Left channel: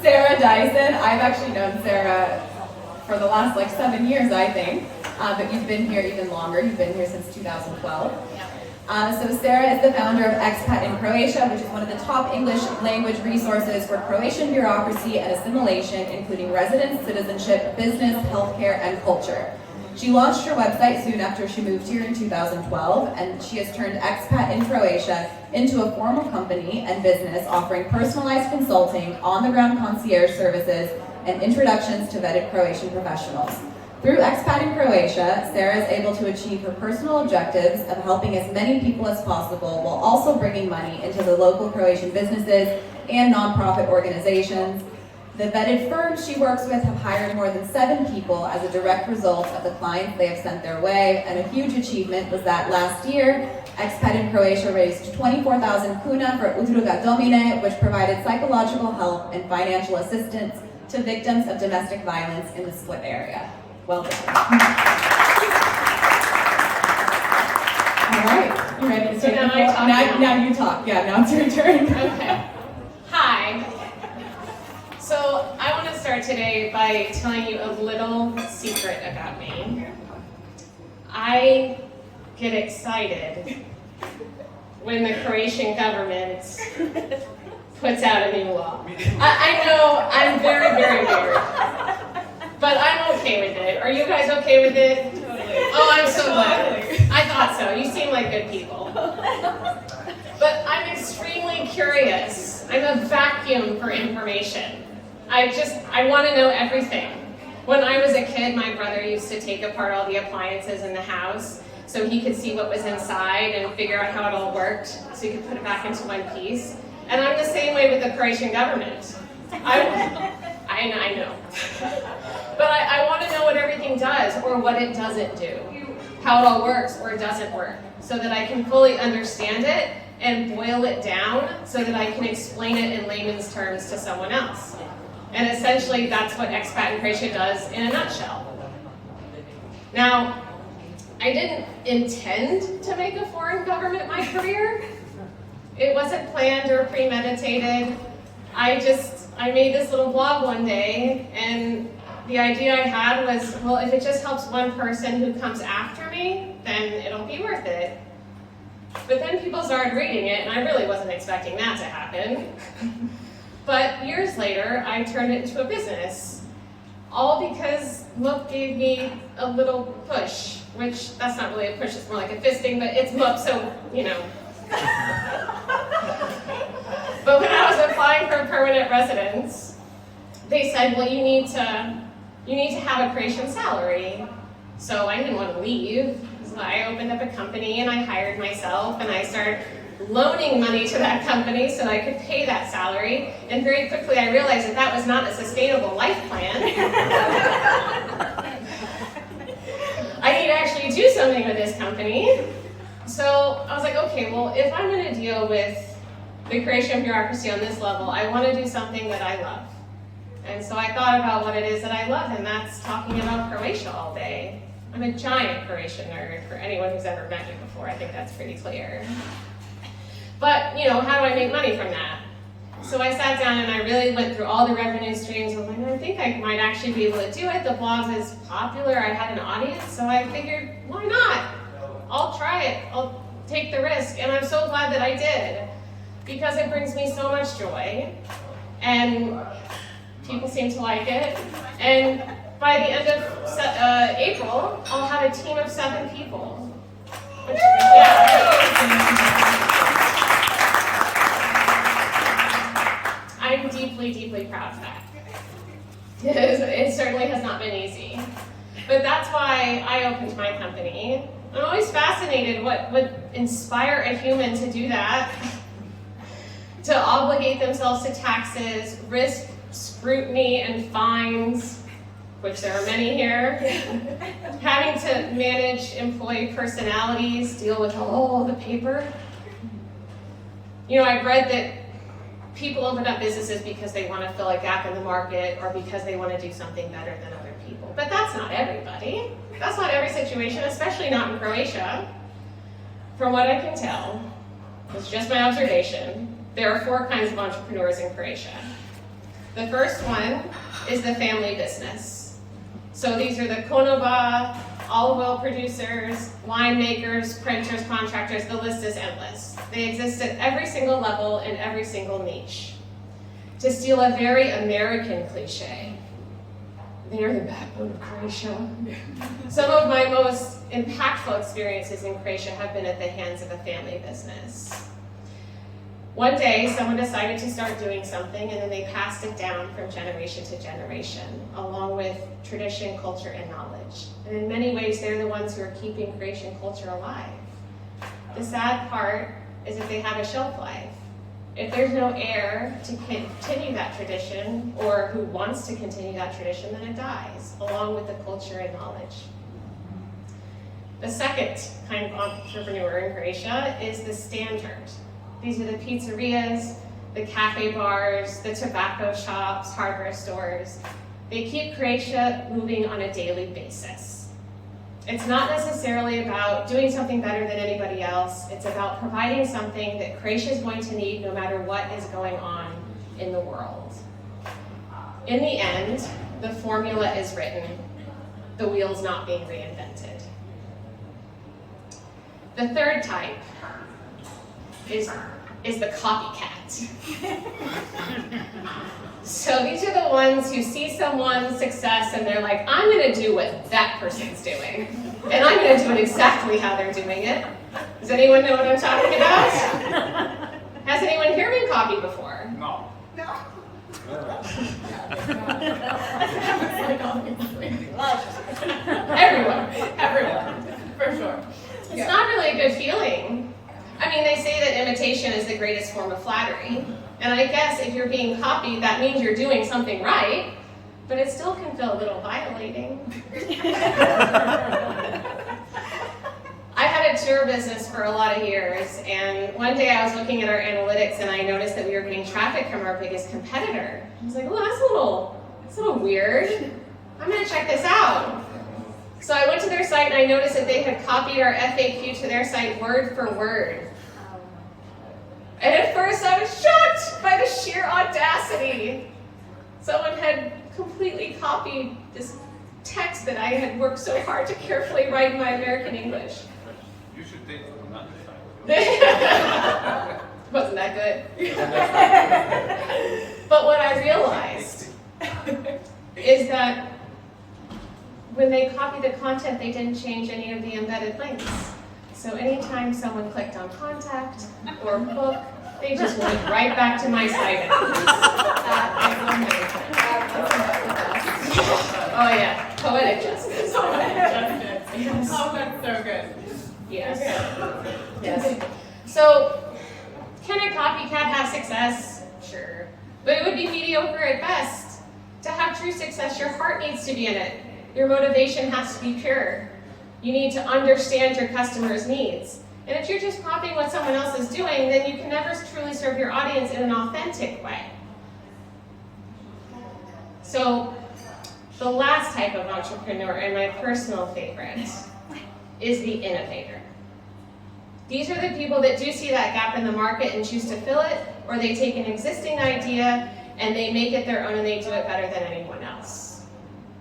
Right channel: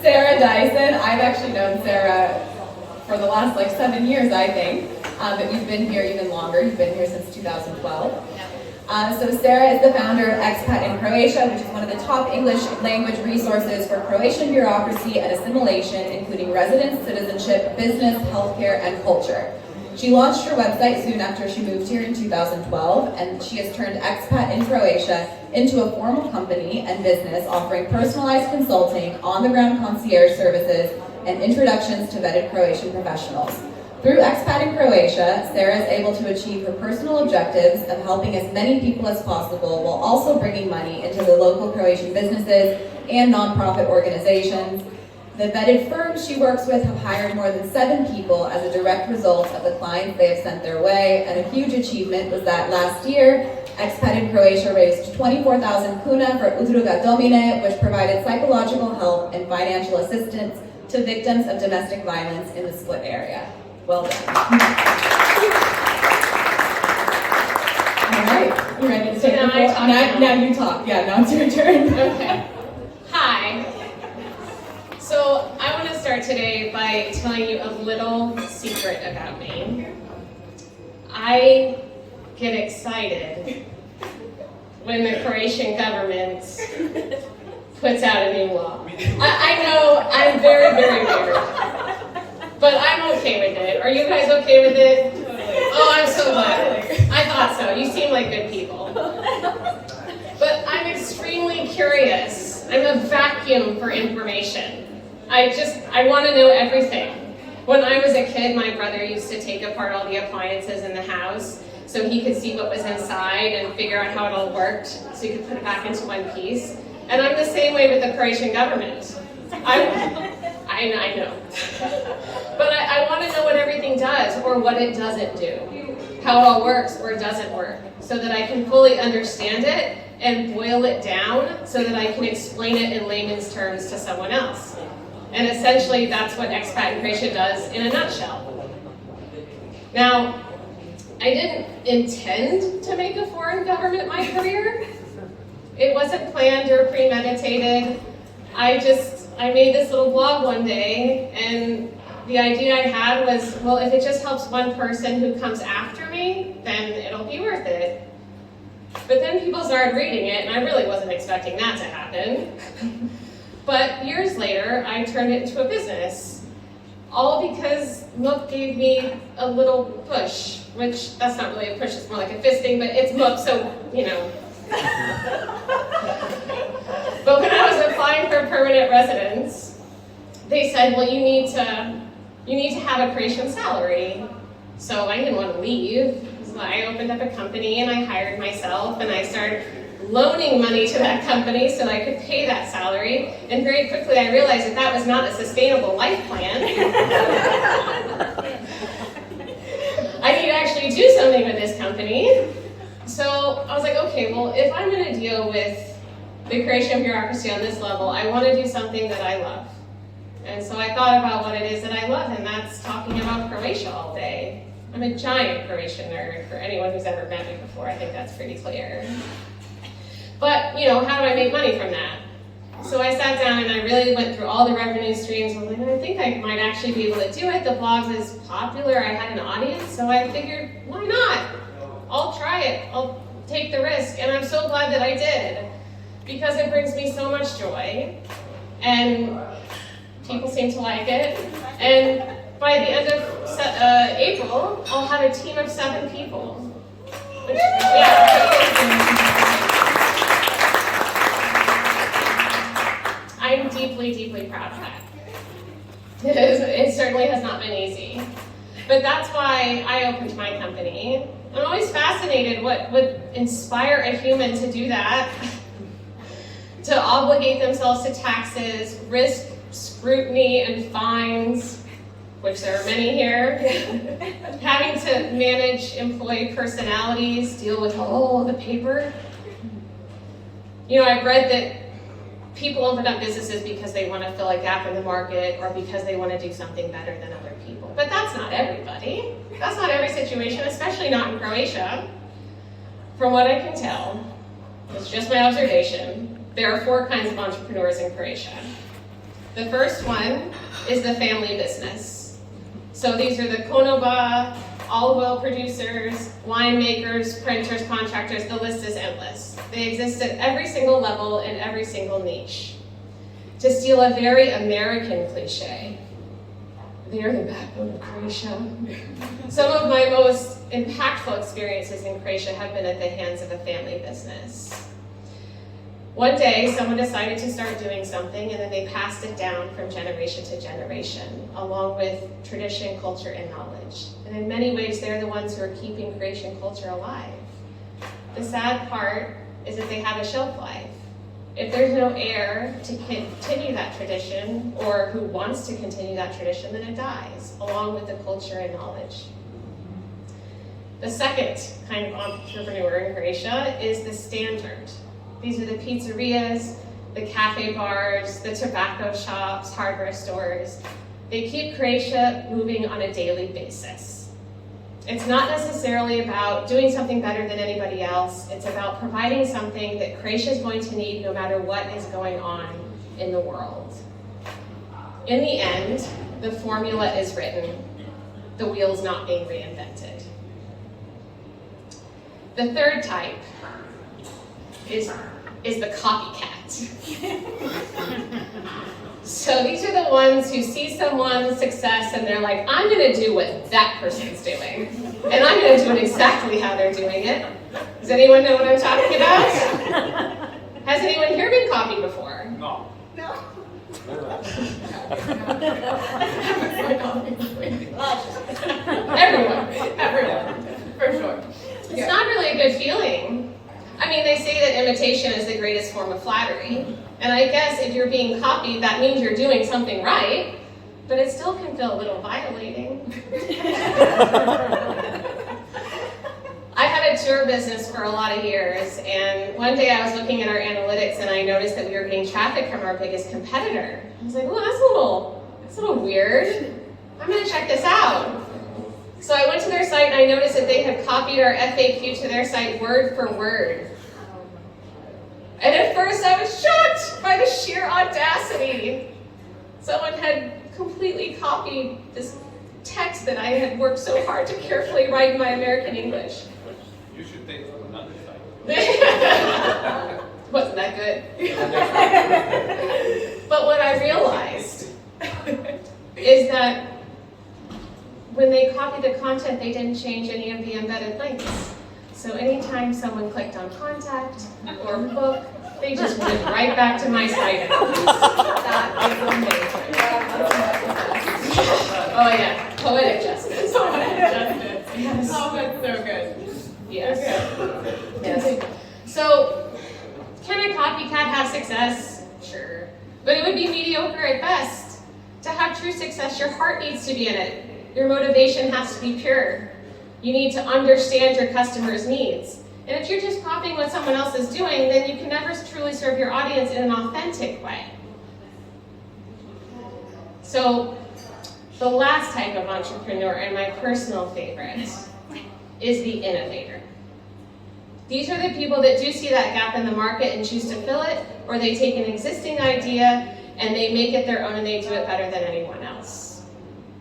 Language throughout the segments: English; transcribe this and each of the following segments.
Sarah Dyson. I've actually known Sarah for the last 7 years, I think, but you've been here even longer. You've been here since 2012. So Sarah is the founder of Expat in Croatia, which is one of the top English language resources for Croatian bureaucracy and assimilation, including residence, citizenship, business, healthcare, and culture. She launched her website soon after she moved here in 2012, and she has turned Expat in Croatia into a formal company and business offering personalized consulting, on-the-ground concierge services, and introductions to vetted Croatian professionals. Through Expat in Croatia, Sarah is able to achieve her personal objectives of helping as many people as possible while also bringing money into the local Croatian businesses and nonprofit organizations. The vetted firms she works with have hired more than 7 people as a direct result of the clients they have sent their way, and a huge achievement was that last year, Expat in Croatia raised 24,000 kuna for Udruga Nominate, which provided psychological help and financial assistance to victims of domestic violence in the Split area. Well done. All right, you ready to take the floor? Now you talk. Yeah, now it's your turn. Okay. Hi. So I want to start today by telling you a little secret about me. I get excited when the Croatian government puts out a new law. I know I'm very, very weird, but I'm okay with it. Are you guys okay with it? Totally. Oh, I'm so glad. I thought so. You seem like good people. But I'm extremely curious. I'm a vacuum for information. I want to know everything. When I was a kid, my brother used to take apart all the appliances in the house so he could see what was inside and figure out how it all worked so he could put it back into one piece. And I'm the same way with the Croatian government. I know. But I want to know what everything does or what it doesn't do, how it all works or doesn't work, so that I can fully understand it and boil it down so that I can explain it in layman's terms to someone else. And essentially, that's what Expat in Croatia does in a nutshell. Now, I didn't intend to make a foreign government my career. It wasn't planned or premeditated. I made this little blog one day, and the idea I had was, well, if it just helps one person who comes after me, then it'll be worth it. But then people started reading it, and I really wasn't expecting that to happen. But years later, I turned it into a business, all because Mook gave me a little push, which that's not really a push, it's more like a fisting, but it's Mook, so, you know. But when I was applying for permanent residence, they said, well, you need to have a Croatian salary. So I didn't want to leave. So I opened up a company and I hired myself and I started loaning money to that company so I could pay that salary. And very quickly I realized that was not a sustainable life plan. I need to actually do something with this company. So I was like, okay, well, if I'm going to deal with the Croatian bureaucracy on this level, I want to do something that I love. And so I thought about what it is that I love, and that's talking about Croatia all day. I'm a giant Croatian nerd for anyone who's ever met me before. I think that's pretty clear. But, how do I make money from that? So I sat down and I really went through all the revenue streams. I'm like, I think I might actually be able to do it. The blog is popular. I had an audience. So I figured, why not? I'll try it. I'll take the risk. And I'm so glad that I did, because it brings me so much joy. And people seem to like it. And by the end of April, I'll have a team of 7 people. Which, I'm deeply, deeply proud of that. It certainly has not been easy. But that's why I opened my company. I'm always fascinated what would inspire a human to do that, to obligate themselves to taxes, risk scrutiny and fines, which there are many here, having to manage employee personalities, deal with all the paper. I've read that people open up businesses because they want to fill a gap in the market or because they want to do something better than other people. But that's not everybody. That's not every situation, especially not in Croatia. From what I can tell, it's just my observation, there are 4 kinds of entrepreneurs in Croatia. The first one is the family business. So these are the konoba, olive oil producers, winemakers, printers, contractors, the list is endless. They exist at every single level in every single niche. To steal a very American cliche, they are the backbone of Croatia. Some of my most impactful experiences in Croatia have been at the hands of a family business. One day, someone decided to start doing something, and then they passed it down from generation to generation, along with tradition, culture, and knowledge. And in many ways, they're the ones who are keeping Croatian culture alive. The sad part is that they have a shelf life. If there's no heir to continue that tradition, or who wants to continue that tradition, then it dies, along with the culture and knowledge. The second kind of entrepreneur in Croatia is the standard. These are the pizzerias, the cafe bars, the tobacco shops, hardware stores. They keep Croatia moving on a daily basis. It's not necessarily about doing something better than anybody else. It's about providing something that Croatia is going to need no matter what is going on in the world. In the end, the formula is written, the wheel's not being reinvented. The third type is the copycat. So these are the ones who see someone's success and they're like, I'm going to do what that person's doing. And I'm going to do it exactly how they're doing it. Does anyone know what I'm talking about? Has anyone here been copied before? No. No. Everyone, for sure. It's not really a good feeling. I mean, they say that imitation is the greatest form of flattery. And I guess if you're being copied, that means you're doing something right, but it still can feel a little violating. I had a tour business for a lot of years, and one day I was looking at our analytics and I noticed that we were getting traffic from our biggest competitor. I was like, oh, that's a little weird. I'm gonna check this out. So I went to their site and I noticed that they had copied our FAQ to their site word for word. And at first I was shocked by the sheer audacity. Someone had completely copied this text that I had worked so hard to carefully write in my American English. You should take from another side. Wasn't that good? But what I realized is that when they copied the content, they didn't change any of the embedded links. So anytime someone clicked on contact or book, they just went right back to my site. That is amazing. Oh yeah, poetic justice. Poetic justice. Yes. Oh, that's so good. Yes. Okay. Yes. So, can a copycat have success? Sure. But it would be mediocre at best. To have true success, your heart needs to be in it. Your motivation has to be pure. You need to understand your customers' needs. And if you're just copying what someone else is doing, then you can never truly serve your audience in an authentic way. So, the last type of entrepreneur, and my personal favorite, is the innovator. These are the people that do see that gap in the market and choose to fill it, or they take an existing idea and they make it their own and they do it better than anyone else.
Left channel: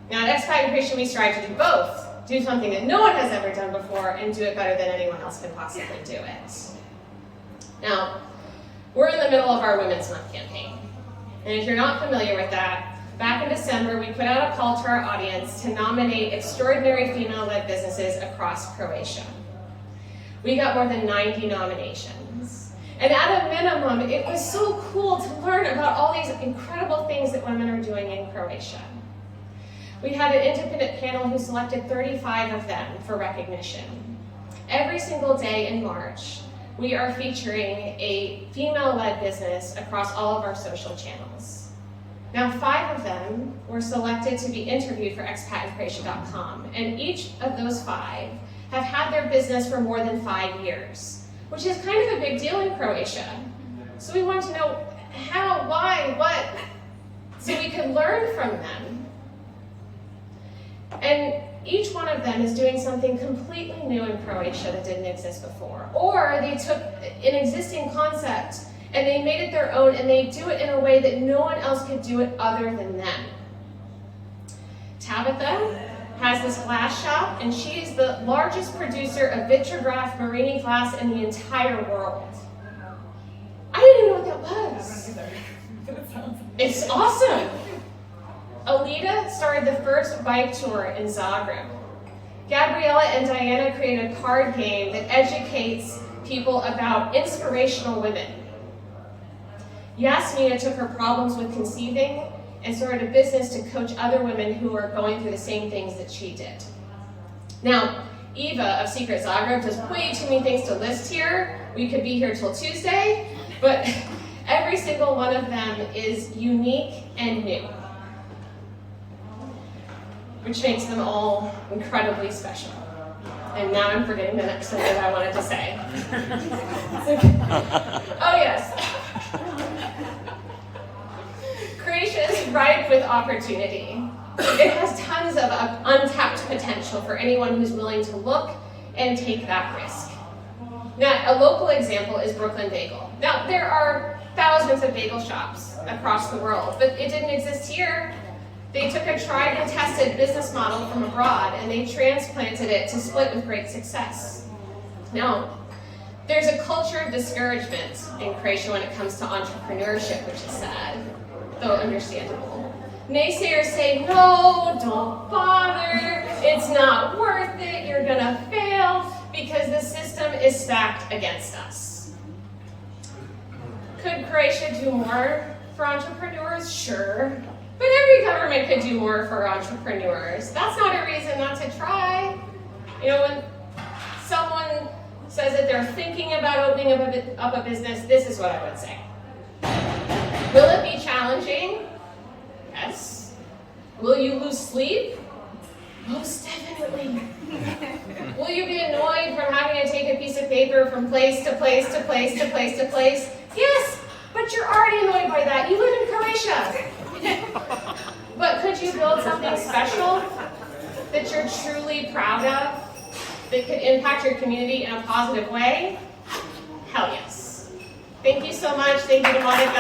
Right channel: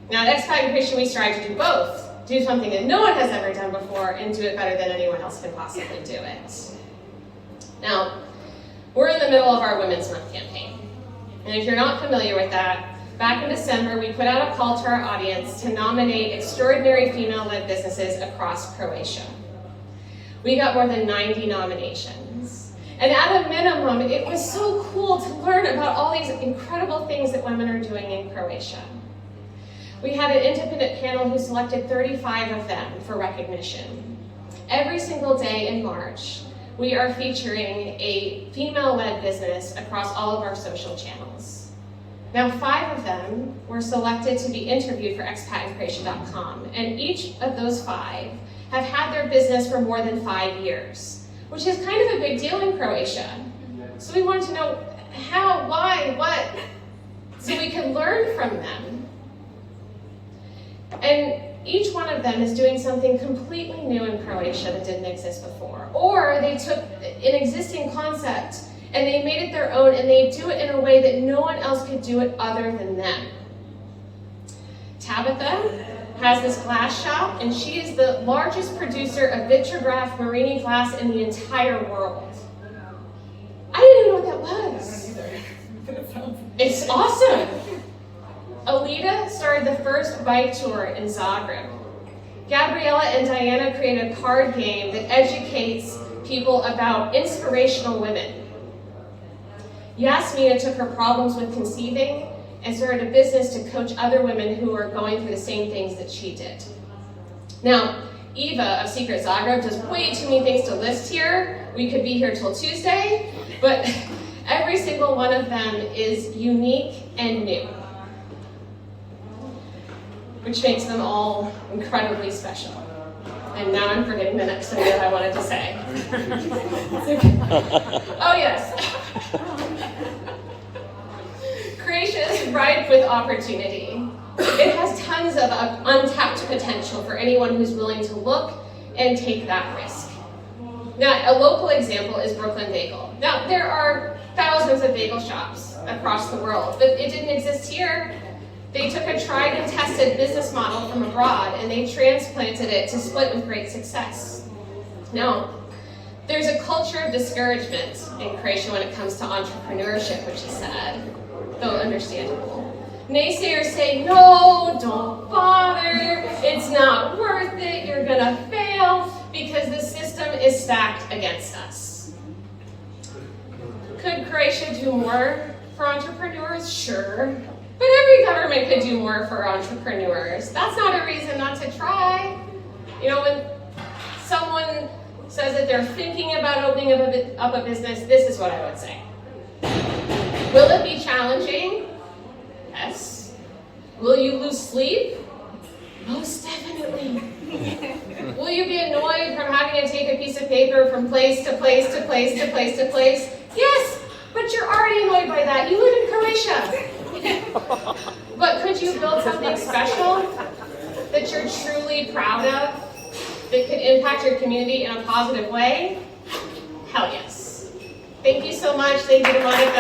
Now at Expat and Croatian, we strive to do both. Do something that no one has ever done before and do it better than anyone else can possibly do it. Now, we're in the middle of our Women's Month campaign. And if you're not familiar with that, back in December, we put out a call to our audience to nominate extraordinary female-led businesses across Croatia. We got more than 90 nominations. And at a minimum, it was so cool to learn about all these incredible things that women are doing in Croatia. We had an independent panel who selected 35 of them for recognition. Every single day in March, we are featuring a female-led business across all of our social channels. Now, 5 of them were selected to be interviewed for expatandcroatia.com, and each of those 5 have had their business for more than 5 years, which is kind of a big deal in Croatia. So we wanted to know how, why, what, so we could learn from them. And each one of them is doing something completely new in Croatia that didn't exist before. Or they took an existing concept And they made it their own, and they do it in a way that no one else could do it other than them. Tabitha has this glass shop, and she is the largest producer of vitrograph marine glass in the entire world. I didn't even know what that was. It's awesome. Alita started the first bike tour in Zagreb. Gabriella and Diana created a card game that educates people about inspirational women. Yasmina took her problems with conceiving and started a business to coach other women who are going through the same things that she did. Now, Eva of Secret Zagreb does way too many things to list here. We could be here till Tuesday, but every single one of them is unique and new, which makes them all incredibly special. And now I'm forgetting the next thing that I wanted to say. Oh yes. Croatia is ripe with opportunity. It has tons of untapped potential for anyone who's willing to look and take that risk. Now, a local example is Brooklyn Bagel. Now, there are thousands of bagel shops across the world, but it didn't exist here. They took a tried and tested business model from abroad and they transplanted it to split with great success. Now, there's a culture of discouragement in Croatia when it comes to entrepreneurship, which is sad, though understandable. Naysayers say, no, don't bother, it's not worth it, you're gonna fail, because the system is stacked against us. Could Croatia do more for entrepreneurs? Sure. But every government could do more for entrepreneurs. That's not a reason not to try. You know, when someone says that they're thinking about opening up a business, this is what I would say. Will it be challenging? Yes. Will you lose sleep? Most definitely. Will you be annoyed from having to take a piece of paper from place to place to place to place to place? Yes, but you're already annoyed by that. You live in Croatia. But could you build something special that you're truly proud of, that could impact your community in a positive way? Hell yes. Thank you so much. Thank you to Monica.